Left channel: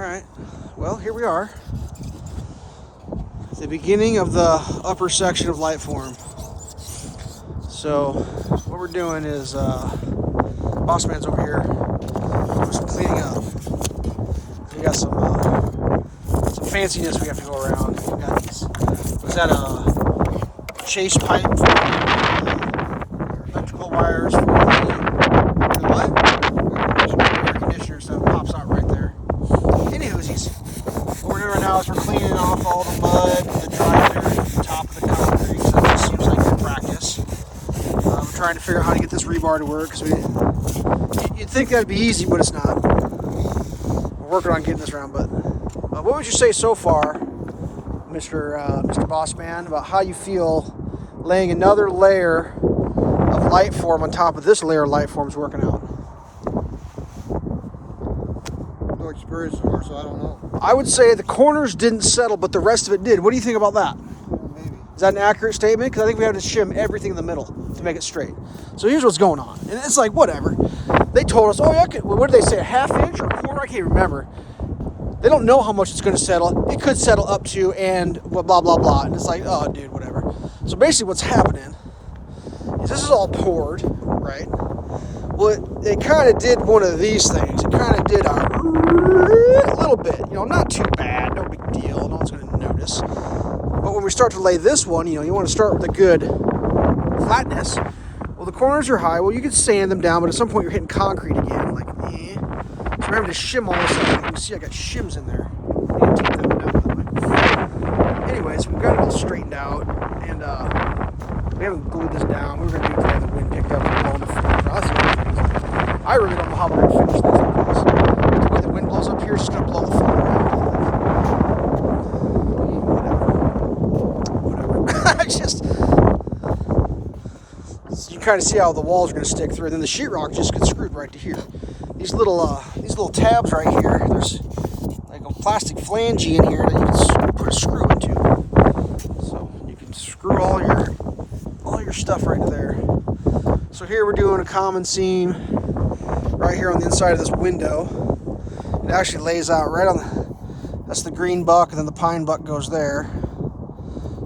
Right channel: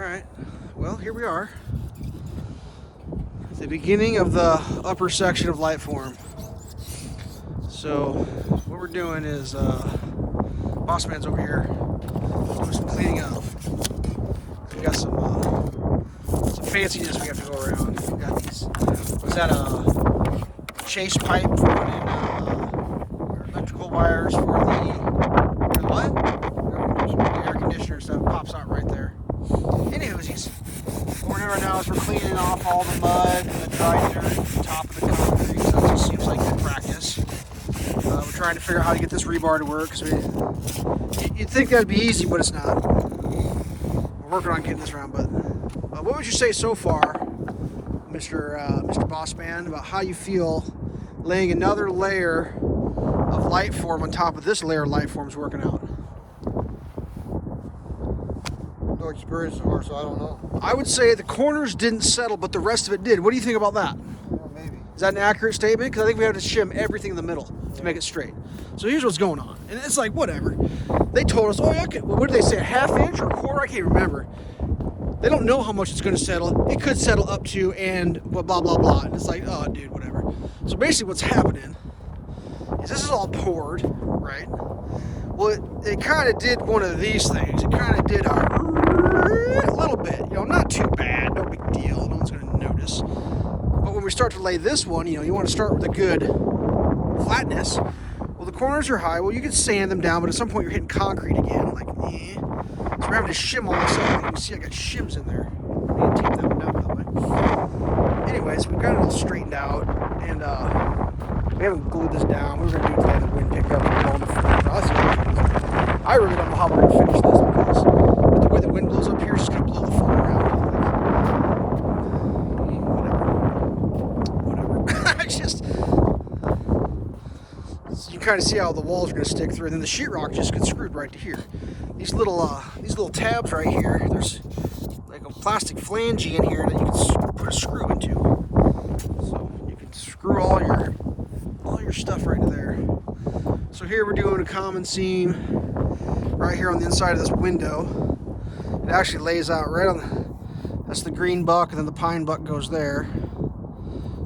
Alright, well, here we are. The beginning of the upper section of Lightform. So, what we're doing is, Boss Man's over here doing some cleaning up. We got some fanciness we have to go around. We got these, was that a chase pipe for electrical wires for the what? Air conditioner stuff pops out right there. Anywhoosies, what we're doing right now is we're cleaning off all the mud and the dry dirt at the top of the concrete. So that just seems like good practice. We're trying to figure out how to get this rebar to work because you'd think that'd be easy, but it's not. We're working on getting this around. But what would you say so far, Mr. Boss Man, about how you feel laying another layer of Lightform on top of this layer of Lightform is working out? So I don't know. I would say the corners didn't settle, but the rest of it did. What do you think about that? Maybe. Is that an accurate statement? Because I think we have to shim everything in the middle to make it straight. So here's what's going on. And it's like, whatever. They told us, oh yeah, what did they say, a half inch or a quarter? I can't remember. They don't know how much it's going to settle. It could settle up to and blah, blah, blah, blah. And it's like, oh, dude, whatever. So basically what's happening is this is all poured, right? Well, it kind of did one of these things. It kind of did a little bit, not too bad, no big deal, no one's going to notice. But when we start to lay this one, you want to start with a good flatness. Well, the corners are high. Well, you can sand them down, but at some point you're hitting concrete again, like, eh. So we're having to shim all this up. You can see I got shims in there. I need to take that one out, by the way. Anyways, we've got it all straightened out, and we haven't glued this down. We're going to do it the wind picked up and blow on the floor. I really don't know how we're going to finish this because the way the wind blows up here is just going to blow the foam around. Whatever. You can kind of see how the walls are going to stick through, and then the sheetrock just gets screwed right to here. These little tabs right here, there's like a plastic flange in here that you can put a screw into. So you can screw all your stuff right there. So here we're doing a common seam right here on the inside of this window. It actually lays out right on that's the green buck, and then the pine buck goes there.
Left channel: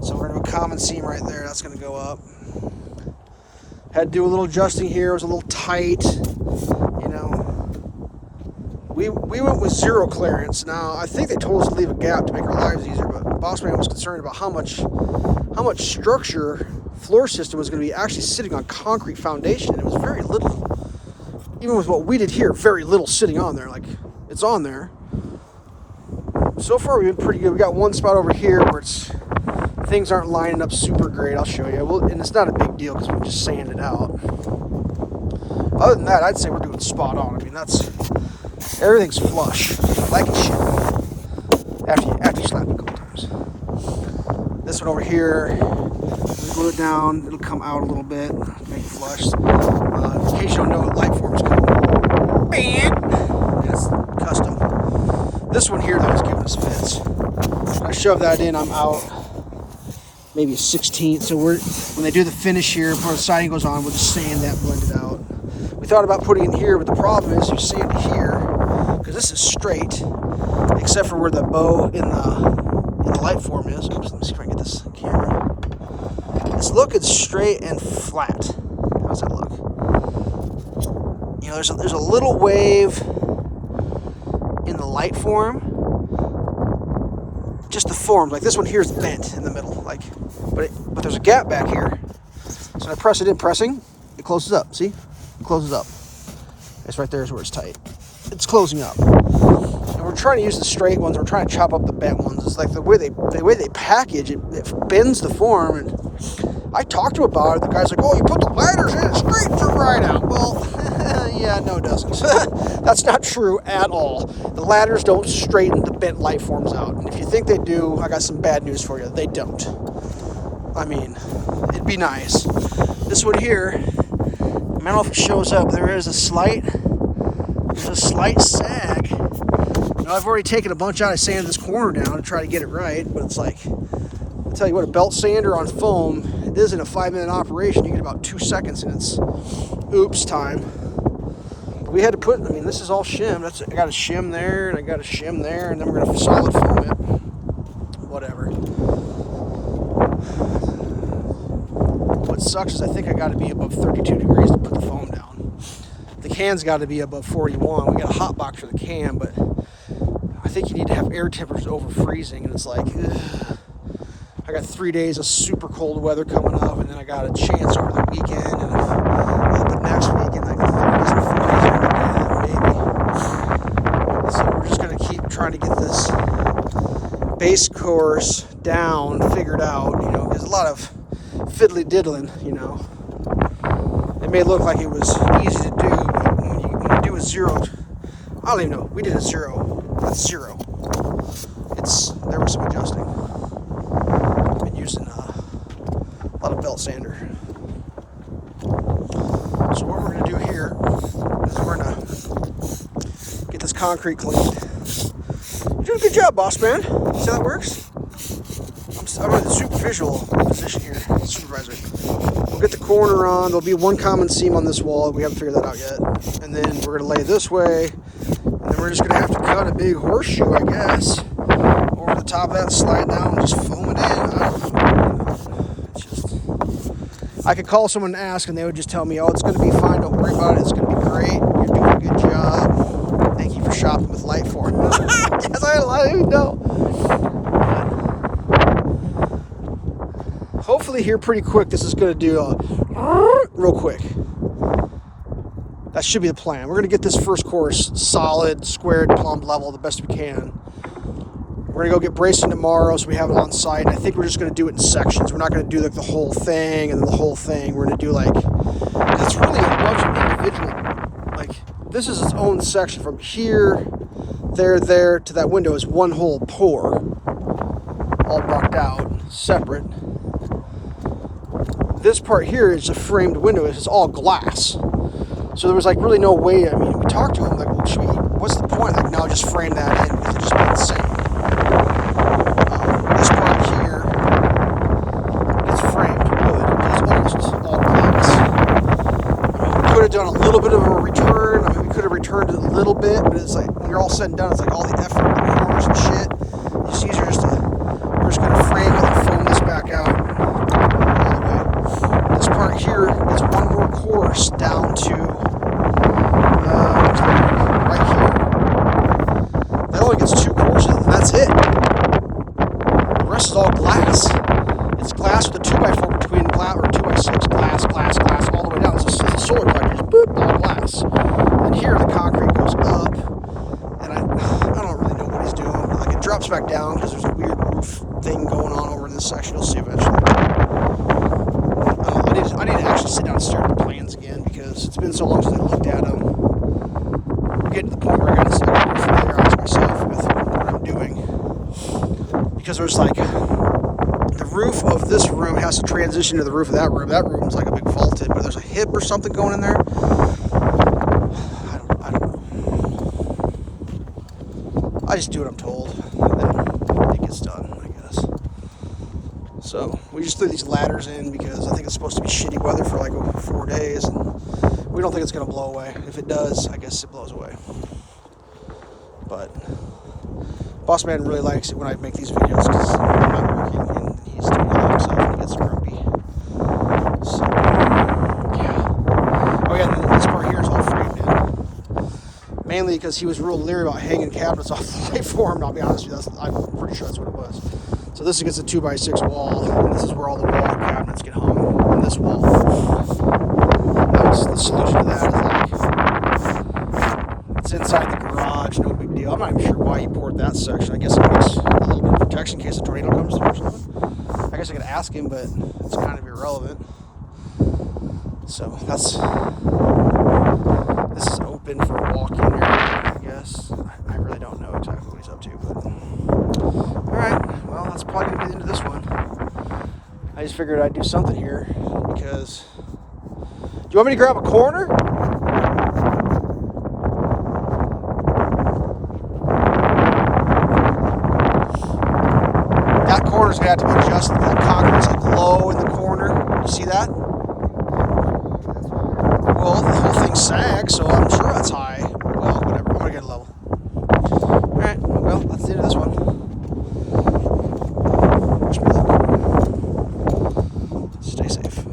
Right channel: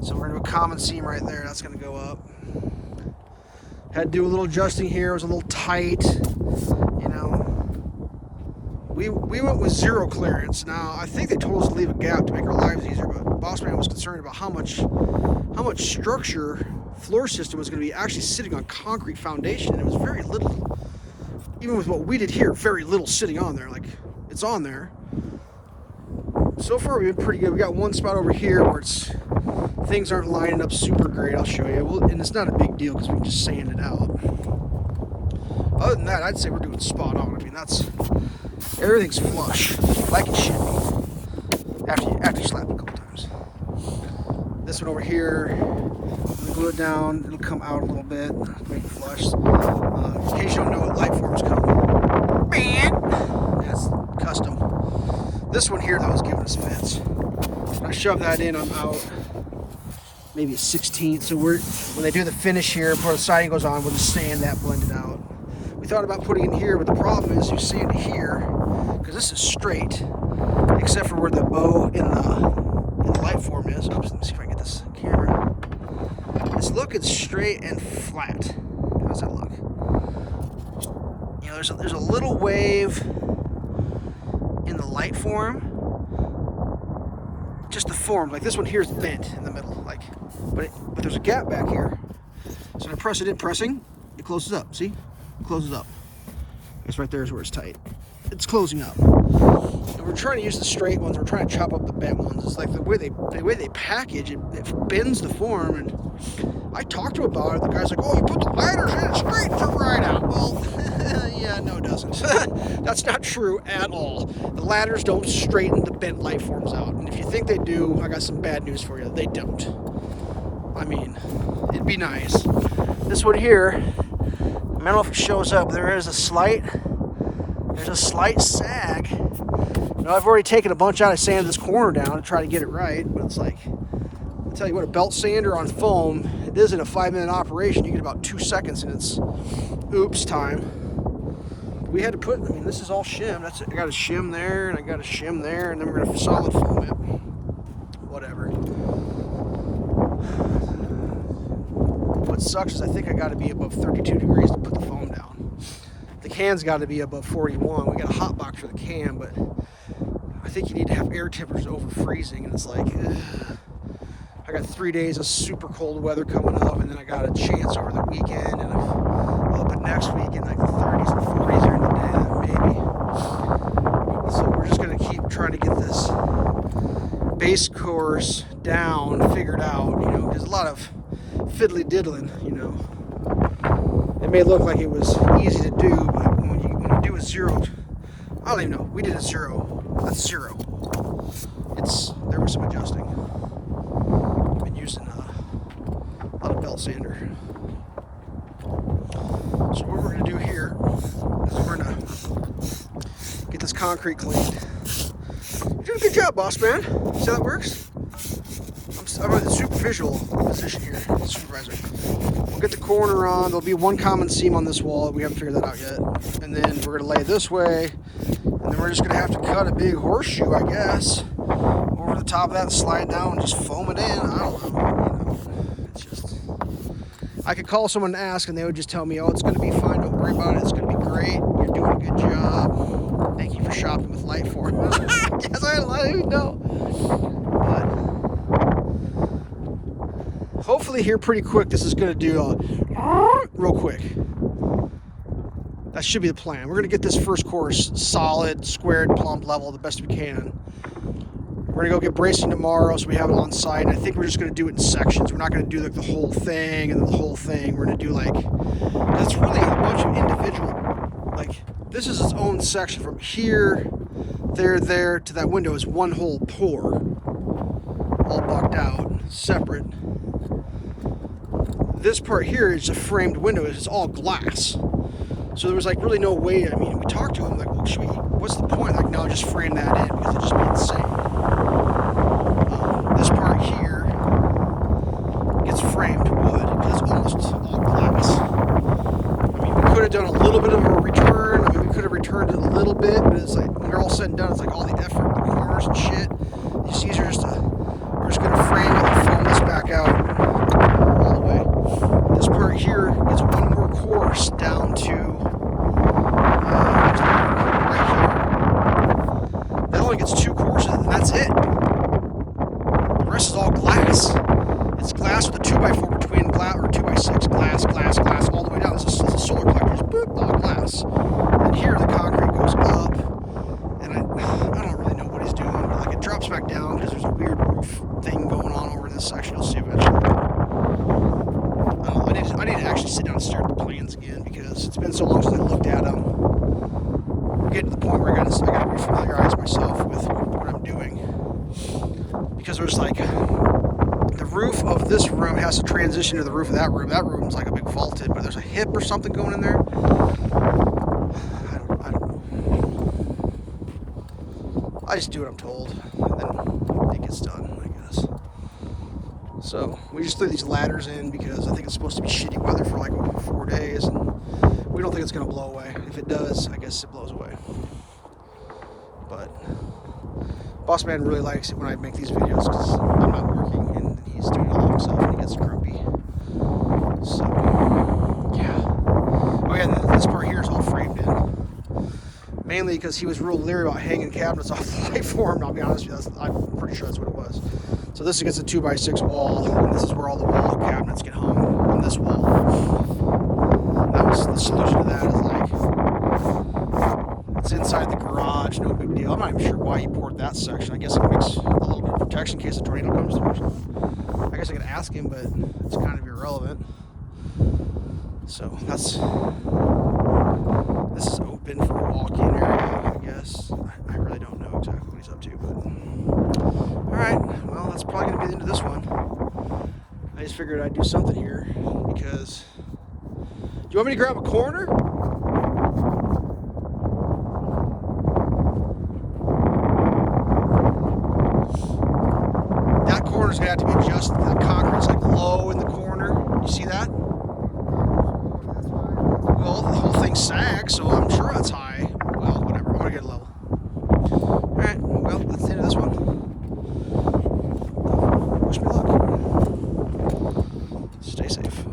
So we're gonna do a common seam right there. That's gonna go up. Had to do a little adjusting here. It was a little tight, We went with zero clearance. Now I think they told us to leave a gap to make our lives easier, but Boss Man was concerned about how much structure floor system was going to be actually sitting on concrete foundation, and it was very little. Even with what we did here, very little sitting on there. Like, it's on there. So far we've been pretty good. We got one spot over here where things aren't lining up super great. I'll show you. And it's not a big deal because we can just sand it out. Other than that, I'd say we're doing spot on. I mean, everything's flush. Like it should be. After you slap it a couple times. This one over here, when we glue it down, it'll come out a little bit, make it flush. In case you don't know, Lightform's coming. Bam! That's custom. This one here, though, is giving us fits. I shove that in, I'm out maybe a 16th. So when they do the finish here, before the siding goes on, we'll just sand that blended out. We thought about putting it here, but the problem is you sand it here, because this is straight, except for where the bow in the Lightform is. Oops, let me see if I can get this camera. It's looking straight and flat. How's that look? There's a little wave in the Lightform. Just the form, like this one here is bent in the middle, but there's a gap back here. So I press it in, pressing, it closes up. See, it closes up. It's right there is where it's tight. It's closing up. And we're trying to use the straight ones. We're trying to chop up the bent ones. It's like the way they package it, it bends the form. And I talked to him about it. The guy's like, "Oh, you put the ladders in it straight for right out." Well, yeah, no, it doesn't. That's not true at all. The ladders don't straighten the bent Lightforms out. And if you think they do, I got some bad news for you. They don't. I mean, it'd be nice. This one here, I don't know if it shows up. There's a slight sag. I've already taken a bunch out. I sanded this corner down to try to get it right, but it's like, I'll tell you what, a belt sander on foam, it isn't a 5-minute operation. You get about 2 seconds and it's oops time. The we had to put, I mean, this is all shim. I got a shim there, and I got a shim there, and then we're going to solid foam it. Whatever. What sucks is I think I got to be above 32 degrees to put the foam down. The can's got to be above 41. We got a hot box for the can, but I think you need to have air temperatures over freezing, and it's like, ugh. I got 3 days of super cold weather coming up, and then I got a chance over the weekend and a little bit next week in like the 30s and 40s maybe. So we're just gonna keep trying to get this base course down, figured out, you know, because a lot of fiddly diddling, you know. It may look like it was easy to do, but when you do a zero, I don't even know. We did a zero. That's zero. There was some adjusting. Using a lot of belt sander. So what we're going to do here is we're going to get this concrete cleaned. You're doing a good job, boss man. See how that works? I'm in the superficial position here, supervisor. We'll get the corner on. There'll be one common seam on this wall. We haven't figured that out yet. And then we're going to lay this way. And then we're just going to have to cut a big horseshoe, I guess, over the top of that, slide down, and just foam it in. I don't know. It's just, I could call someone and ask, and they would just tell me, "Oh, it's going to be fine. Don't worry about it. It's going to be great. You're doing a good job. Thank you for shopping with Lightform." Yes, I know. But hopefully, here pretty quick. This is going to do real quick. That should be the plan. We're going to get this first course solid, squared, plumbed, level the best we can. We're going to go get bracing tomorrow, so we have it on site. I think we're just going to do it in sections. We're not going to do like the whole thing and then the whole thing. We're going to do like, it's really a bunch of individual, like this is its own section from here, there to that window is one whole pour, all bucked out, separate. This part here is a framed window. It's all glass. So there was like really no way. I mean, we talked to him like, well, what's the point? Like, now just frame that in because it just made sense. This part here gets framed wood. It's almost all glass. We could have done a little bit of a return. I mean, we could have returned it a little bit, but it's like when you're all said and done, it's like all the effort, the corners and shit. It's easier just to, we're just gonna frame it and foam this back out all the way. This part here is one more course down to right here. That only gets 2 courses, and that's it. The rest is all glass. It's glass with a 2x4 between glass, or 2x6, glass, all the way down. It's a solar collector, just boop, all glass. And here the concrete goes up, and I don't really know what he's doing. Like it drops back down because there's a weird roof thing going on over in this section. You'll see eventually. I need to actually sit down and stare at the plans again because it's been so long since I looked at them. We're getting to the point where I got to familiarize myself with what I'm doing. Because there's like, the roof of this room has to transition to the roof of that room. That room's like a big vaulted, but there's a hip or something going in there. I don't know. I just do what I'm told, and then it gets done, I guess. So we just threw these ladders in because I think it's supposed to be shitty weather for like 4 days, and we don't think it's going to blow away. If it does, I guess it blows away. But Boss Man really likes it when I make these videos because I'm not working and he's doing it himself and he gets grumpy. So, yeah. Oh yeah, this part here is all framed in. Mainly because he was real leery about hanging cabinets off the Lightform. I'll be honest with you, I'm pretty sure that's what it was. So this is against a 2x6 wall, and this is where all the wall cabinets get hung on this wall. That was the solution to that. Is like, it's inside the garage, no big deal. I'm not even sure why he poured that section. I guess it makes a little bit of protection in case a tornado comes through or something. I guess I could ask him, but it's kind of irrelevant. So this is open for a walk-in area, I guess. I really don't know exactly what he's up to, but alright, well, that's probably going to be the end of this one. I just figured I'd do something here because, do you want me to grab a corner? That corner's going to have to be adjusted. That concrete's like low in the corner. You see that? Well, the whole thing big sag, so I'm sure that's high. Well, whatever. I'm gonna get a level. All right. Well, that's the end of this one. Wish me luck. Stay safe.